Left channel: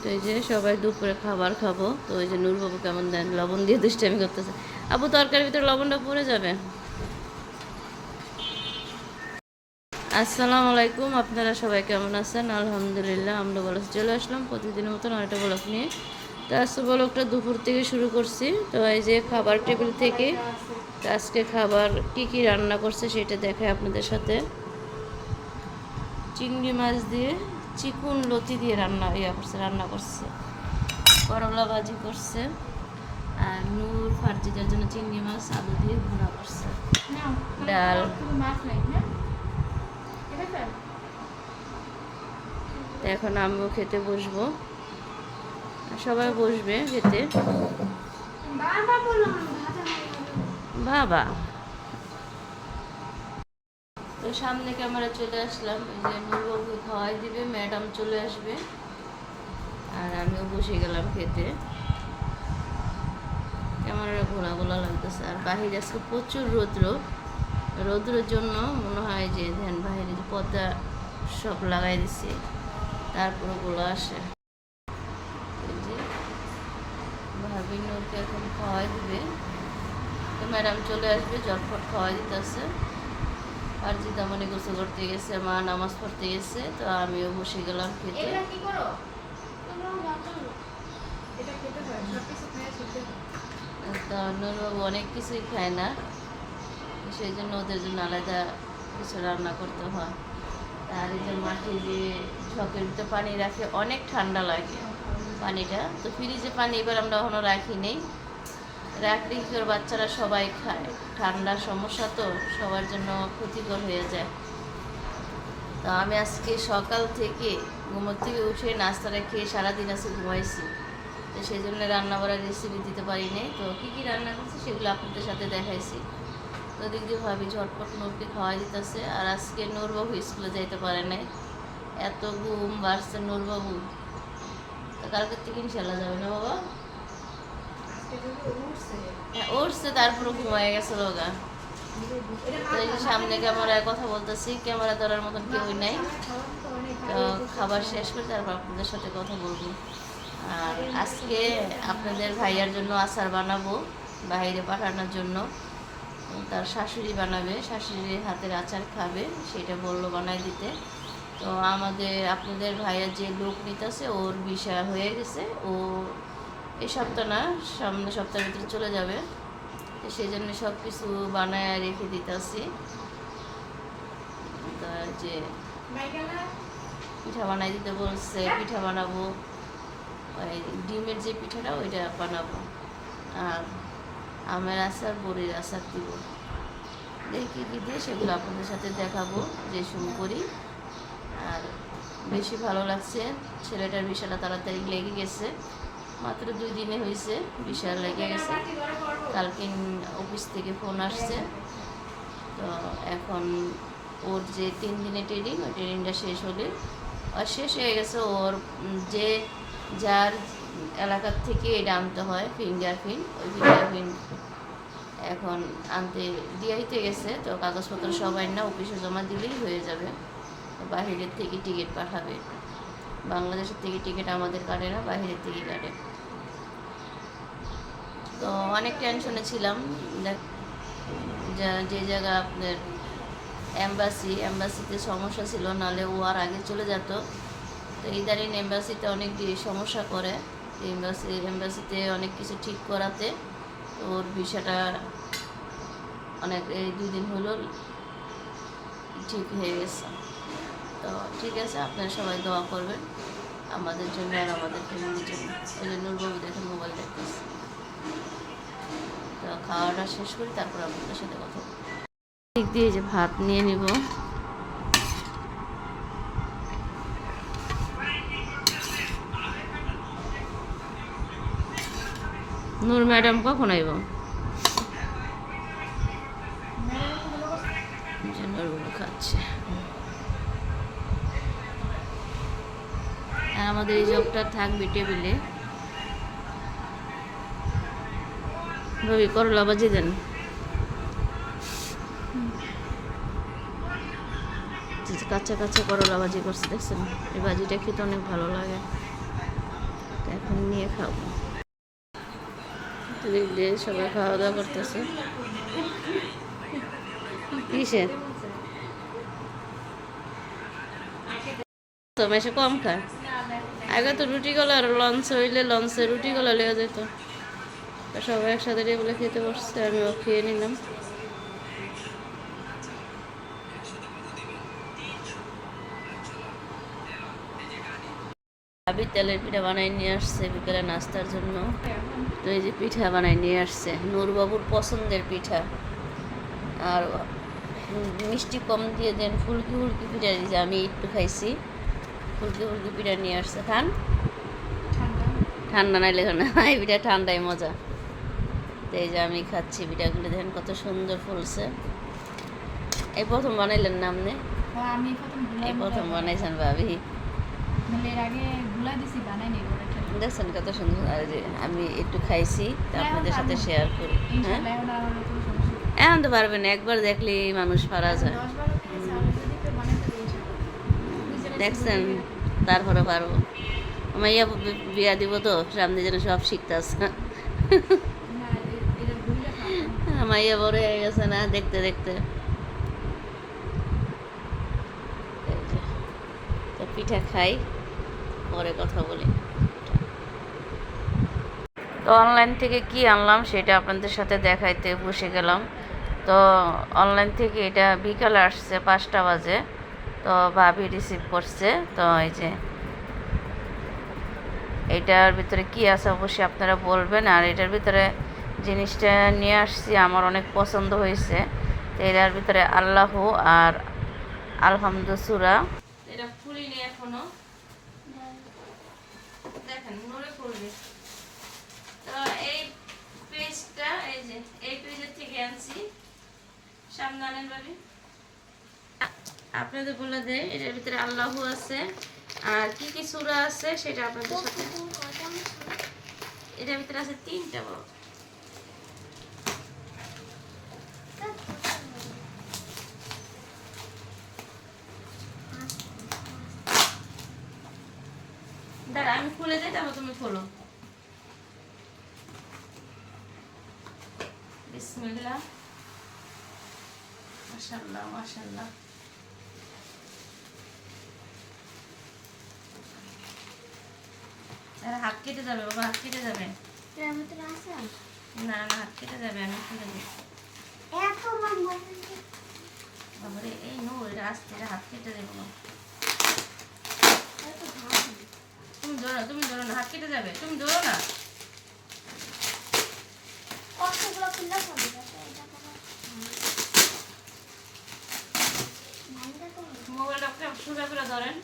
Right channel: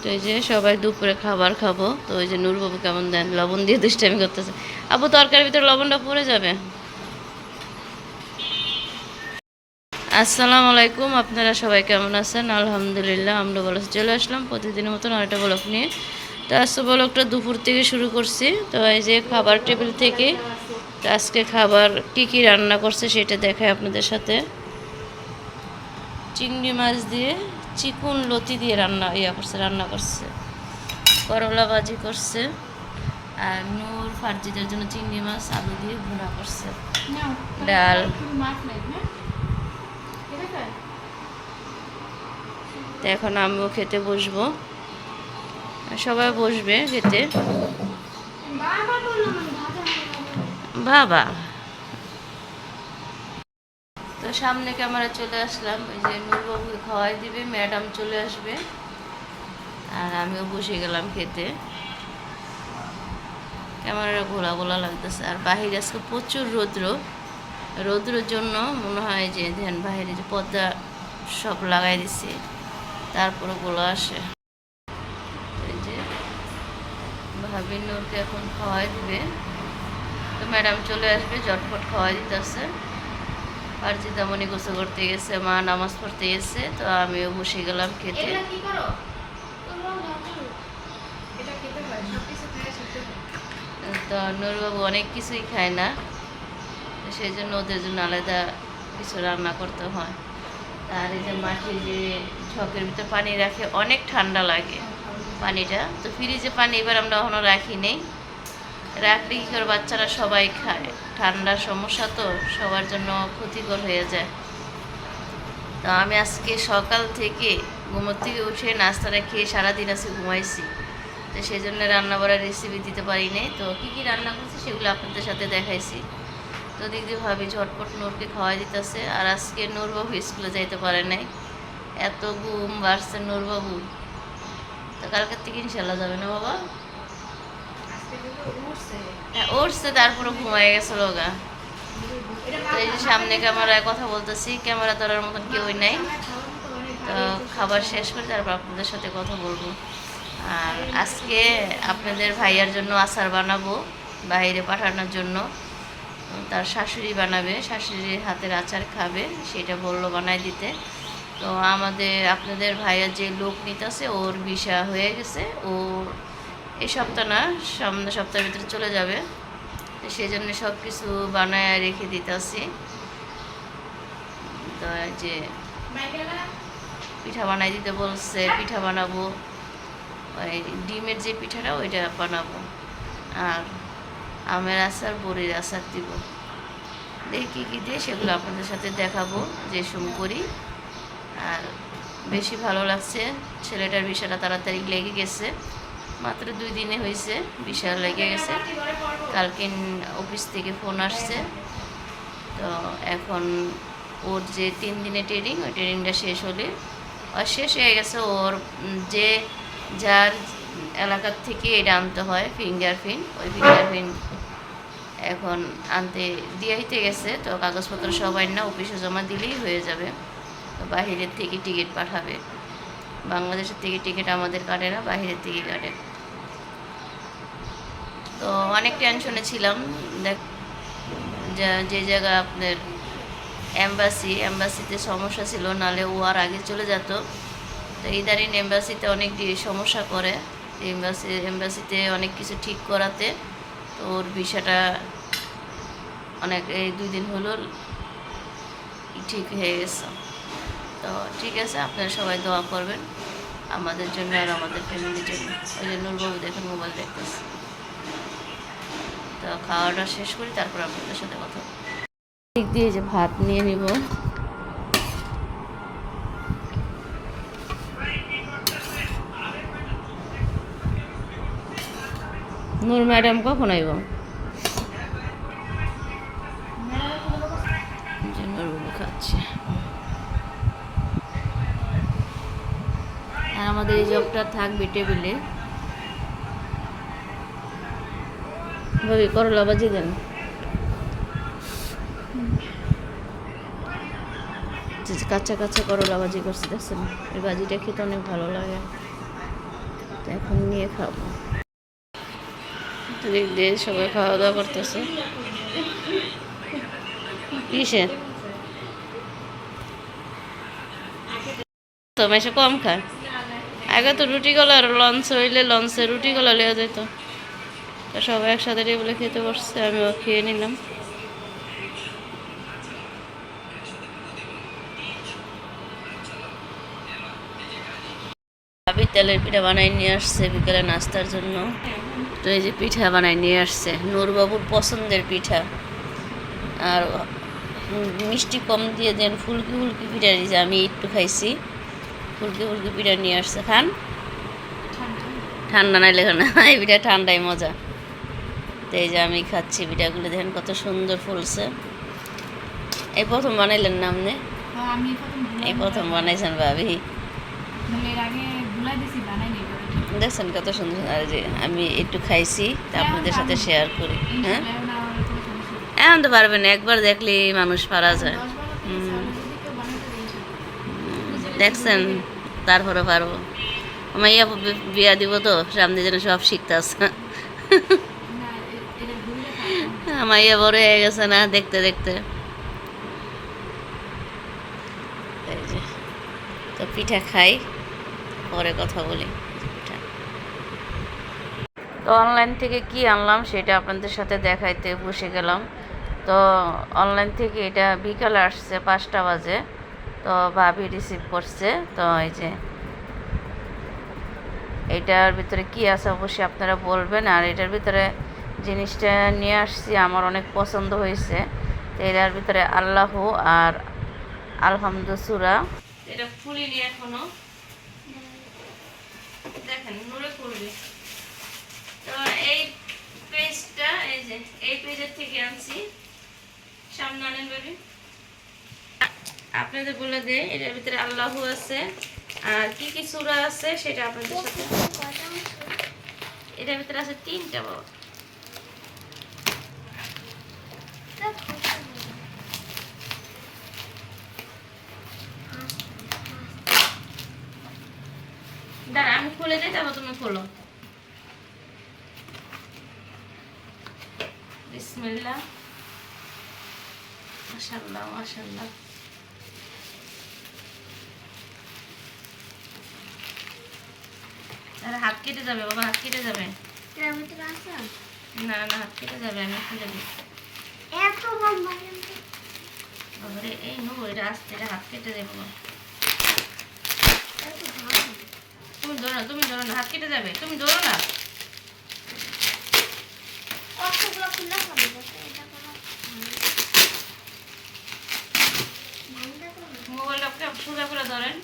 তো এই যে সবাই দুপুরে খাবার খাব। তো ওই যে নূরবাবু কেমন দেন? লবণ দিয়ে দুষ্টামি করতেছে। আবু, তরকারির ভিতরে লবণটা পড়ে যাবে? আসসালামু আলাইকুম, আপনারা সবাই কেমন আছেন? আলহামদুলিল্লাহ আমরা বলো চলে আসলাম প্রতিদিনের মতন আরেকটা ব্লক নিয়ে। তো আজকে ব্লকটা দুপুর থেকে শুরু করছি। তো এই যে খাবার টেবিল থেকে আজকে খাবার কি কি রান্না করছে সেটা দেখায় আপনাদের সাথে। চিংড়ি মাছ দিয়ে চিকুন লতি দিয়ে রান্না ইয়া করছে রান্না করছে। করলা ভাজি করছে। আর নূর ফার্জিদের জন্য চিংড়ি মাছ আলু দিয়ে ভুনা করছে। ডাল। এখন আমিও খেতে বসবো। সবাই বসবে খেতে। বাবা। সামনে ক্যামেরা চলে আসলাম, এই যে নূরবাবুকে খাওয়াই দিবে, ম্যাডাম চলে আসবে। আর আমিও বসে গেলাম খেতে। ক্যামেরা ঘোলা ঘোলা লাগতেছে, আর বাহিরে আজকে প্রচুর রৌদ্র। রৌদ্রের জন্য মনে হয় যে, ধ্যান, বাহিরে যে পর্দা সব লাগাই দিছে, তারপরে গোলা আসে। এই যে ভাবি নূরকে এখন খাওয়াই দিবে। তো ম্যাডাম চলে আসবে ঝটফট খাওয়াই দিতেছে। আর জিতামণি গোসল করতে গেছে মা নামাজ পড়তে গেছে তো আমিও বসে গেলাম খেতে। তো নূরবাবু অনেক কিছুই খায় না সেই জন্য ওদের জন্য আলাদা কিছু রান্না করতে হয়। আর এই যে মাটির যে ঝকের ভিতরে পানি রাখে অনেক ঠান্ডা লাগে পানিটা। তো ফ্রিজে পানি এবার আমরা এখনও রাখি নেই। করে বাচ্চারা সবাই খায়। ঠান্ডার সমস্যা তো সবার জন্য ক্ষতিকর হয়ে যায়। তো আমি আজকে সকাল থেকে ঘুমোর থেকে উঠে নাস্তাটা খেয়ে সারাদিন আজকে ঘুমাইছি। তো সেই জন্য রান্না বাড়ার রেসিপি দিতে পারি নাই। তো কী কী রান্না করছি সেগুলো আপনাদের সাথে দেখাইছি। তো দিক দিয়ে ভাবি ঝটপট নূরকে খাওয়াই দিতেছে। আর আজকে নূরবাবু স্কুলে যাইতে পারে নাই। এত ঘুম বাড়ছে নূরবাবু। তো কালকের থেকে ইনশাল্লাহ যাবে না বাবা? উঠছে তারপরে ঘুমায় গেছে রোগা। এই যে সামনে ক্যামেরায় কথা বলতেছি, ক্যামেরা ধরার মতন কেউই নাই। তো খাবার শেষ করে তারপর আপনাদের সাথে কথা বলব। আর আজকে আপনাদের ভাইয়ার জন্য আচার বানাবো, বাইরে পাঠানোর জন্য। তার শাশুড়ি বানাবে, শাশুড়ির হাতের আচার খাবে, সেটা বলল বানাই দিতে। তো আমাদের, আপনাদের ভাইয়ার যে লোক নিতেছে, ওর ভিসা হয়ে গেছে, ও এই সপ্তাহ না সামনে সপ্তাহের ভিতরে চলে যাবে। সেই জন্য সব কিছু বানায় রেখে দিতেছি। তো যে পিঠা বানাই দিতে বলছে পিঠা বানাবো। ওই ডিমের যে পিঠাটা ওইটা বানাবো। আর আমের আচার বড়ির আচার দিব। দেখি কী কী দিয়ে সেগুলো আপনাদের সাথে দেখাবো যে সুম করি। আর বেশি ভালো লাগছে ছেলেটার বিষয়টা তাড়াতাড়ি লেগে গেছে। মাত্র দুই দিনে হয়েছে, বিশাল লেগে গেছে। কালকে অফিস থেকে ফোন আসছে। তো এখন ওর যে তিন দিনে ট্রেনিং, ওই ট্রেনিংটা শেষ হলে, আর শেষ হয়ে গেছে ওর যে যার এলাকার থেকে এটা আনতে হয় ফিঙ্গারপ্রিন্ট ওই ফিঙ্গারপ্রিন্ট এখন আনতে দিয়াইতে গেছে। তো কাগজপত্র সবাই না অফিসে জমা দিলেই হয়ে যাবে। বাহিরের থেকে টিকিট পাঠাবে। বাংলাদেশের থেকে টিকিট আমাদের কাটে না, বাহিরের থেকে কাটে। তো অনেক টেনশনে ছিলাম। দেখ, যা- জায়গা আপনার অ্যাম্বাসি অ্যাম্বাসিতে সমস্যা ছিল নালে ও আর আগে চলে যেত। তো ইদারিন এম্বাসিতে অনেক সমস্যা করে। এম্বাসি এম্বাসিতে অনেক কিছু ঠিক করাতে। তো ওর ভিসাটা অনেক, এই দুই দিন হলো, ঠিক হয়ে গেছে। তো ঠিক আছে, আপনারা সবাই দোয়া করবেন। আমাদের জন্য আর আমাদের ফ্যামিলির জন্য। ওই যে নূরবাবু দেখে মোবাইল দেখতেছে। খাওয়াটা শেষ করি, তারপর আপনাদের সাথে কথা। দিক দিয়ে যে ভাত নিয়ে নিব। নূর ম্যাডাম কখন আইব? আর আমাদের এই জবটা থাকবে টেবিলে। ভাবি, করলা বাজি দেন। কাঁচা কাঁচা করলা ভাজি করছে, দেখছেন? এই ভাজিটা খেতে অনেক ভালো লাগে। বানিয়ে খাব। এদিক দিয়ে সবাই খাওয়া দাওয়া করতেছে। কিসের? তো মেশে কম খায়। আগে তো রুটি গলার লঞ্চ হইলে লঞ্চে রুটি গলা লেওয়া যেত তো সবাই একসাথে টেবিলে খেতে বসছে আমিও খেয়ে নিলাম। ভাবি তেলের পিঠা বানাই নিয়ে আসছে বিকেলে নাস্তার জন্য। তো এই যে পিঠা বানাই নিয়ে আসছে নূরবাবুর পছন্দের পিঠা। আর মিষ্টি কম দিয়ে দেন ফুলকি ফুলকি পিঠা দিয়েছে আমি একটু খাইছি। ফুলকি ফুলকি পিঠা নিয়ে আসছে। খান? ঠান্ডা নাই লেখা না এই পিঠা ঠান্ডাই মজা। তো এই যে আমি খাচ্ছি পিঠাগুলো দেখেন কত সুন্দর ফুলছে। এই প্রথম বানাইলেন না আপনি? হ্যাঁ, এই প্রথম বানাইছেন ভাবি। দেখছেন কত সুন্দর? আর যে আমি একটু খাইছি তা আপনাদের সাথে শেয়ার করি। হ্যাঁ? এখন আমার তো পারবেন একবার দেখলেই মানুষ পারা যায়। দেখছেন তারপরে পারব। মাইয়া বি- বিয়া দিব তো সামনে যেন সব শিখতে খাব। মাইয়া বড় হয়ে গেছে না, দেখতে দেখতে। তো পিঠা খাই, পরে কথা বলি। তো অনলাইন থেকে কি আনলাম সেটা আপনাদের সাথে দেখাইতে বসে গেলাম। তো অনলাইন থেকে এটা বিকালে আসছে, পাঁচটা বাজে। তো ভাবি রিসিভ করছে, তো এই যে। এটার ভিতরে কি আছে অবশ্যই আপনারা বলবেন, আর এটার ভিতরে জিনিসটা নিয়ে আসছি, আমার অনেক পছন্দ হয়েছে। এটার ভিতরে আল্লাহ আর আলহামদু সুরা এটা ফুলিনি এখনও? দেখেন তো এই পেজটা, এই যে, এই পেজের থেকে আনছি। আপনাদের বলে দেয় এটার ভিতরে আল্লাহ আছে। আর কি কি সূরা আছে সেটা আপনাদের সাথে এটার ভিতরে আছে তিনটা বাবা দাঁড়া আমি খুলে দিই তারপর তুমি খোলো। আরে হাত কেটে যাবে বাবা হাত কেটে যাবে। না না হাত কেটে যাবে আমি খুলে দিই। বাবারে এই নো এটা আসতে হাত কেটে দেবো বাবা। এত ভালো তুমি ধরো না তুমি ধরো না হাত কেটে যাবে তুমি ধরো না। মোবাইলটা সোজা করে ধরেন।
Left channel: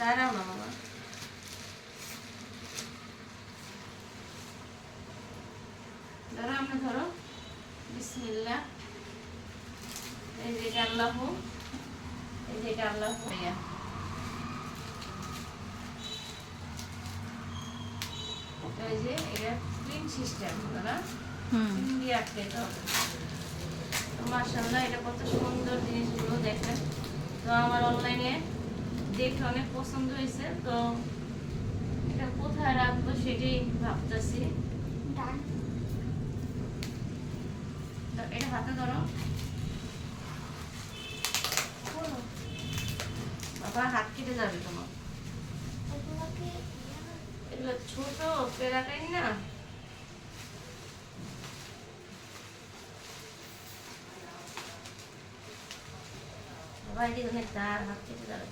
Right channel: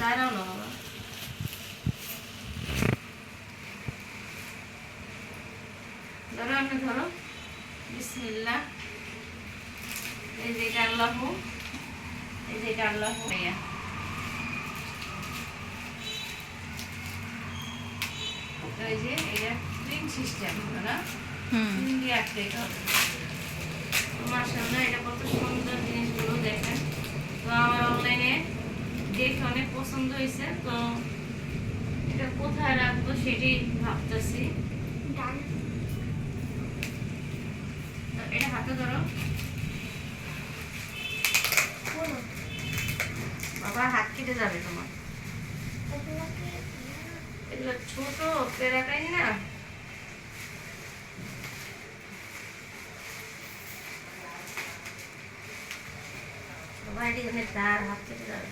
দাঁড়াও না বাবা। ধরো আপনি ধরো বিসমিল্লাহ এই যে এটা আল্লাহ এই যে এটা আল্লাহ ইয়া ওই যে এটা স্প্রিং সিস্টেম না দিয়ে হবে এটা কত সুন্দর জিনিসগুলো দেখেন। তো আমার অনলাইনে দেখে অনেক পছন্দ হয়েছে। তো এটা কোথায় রাখব সেটাই ভাবতেছি। এটা হাতে ধরো। বাবা, হাত কেটে যাবে তোমার। এগুলো ছোট পেরাটাই না। বাবা, এটি তার হাত কেটে যাবে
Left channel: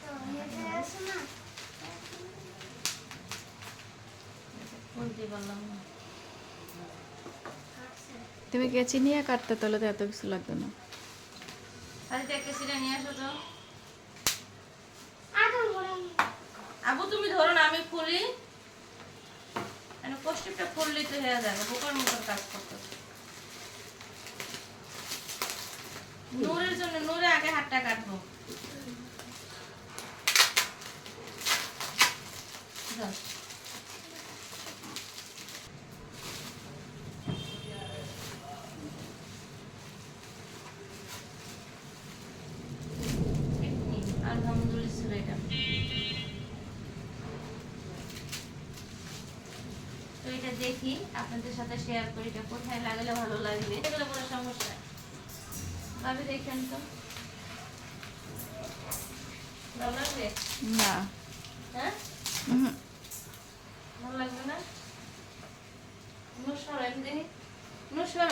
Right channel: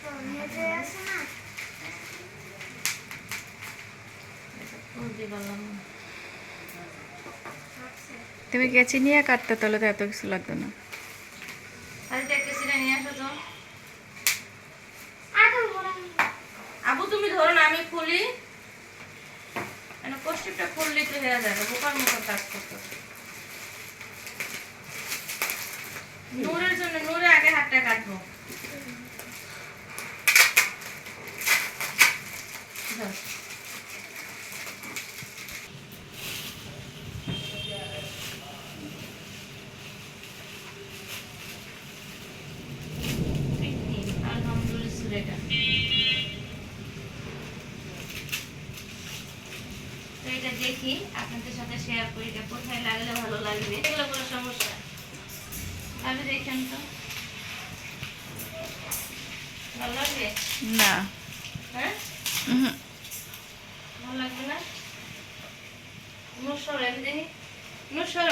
তো হেঁটে আছে না খুলতে পারলাম না তুমি কেচি নিয়ে কাটতে তাহলে তো এত কিছু লাগতো না। আবু তুমি ধরো না আমি খুলি। কষ্টিপটা খুললেই তো হয়ে যাবে বোকার মতো কাজ করতে নূরের জন্য নূরে আগে হাতটা কাটবো। দেখি আপনাদের সাথে শেয়ার করি এটা কোথায় লাগালে ভালো লাগবে। এগুলো কোনো সমস্যা ভাবি দেখেন তো। ভালো লাগবে? না। হ্যাঁ? ভালো লাগবে না? নুসর আমি দেখি। নুসর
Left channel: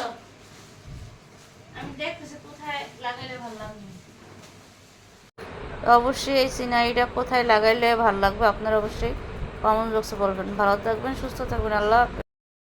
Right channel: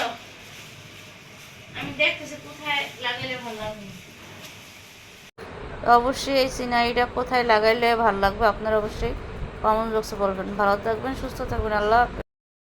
আমি দেখতেছি কোথায় লাগাইলে ভালো লাগবে। অবশ্যই এই সিনারিটা কোথায় লাগাইলে ভালো লাগবে আপনারা অবশ্যই কমেন্ট বক্সে বলবেন। ভালো থাকবেন সুস্থ থাকবেন। আল্লাহ।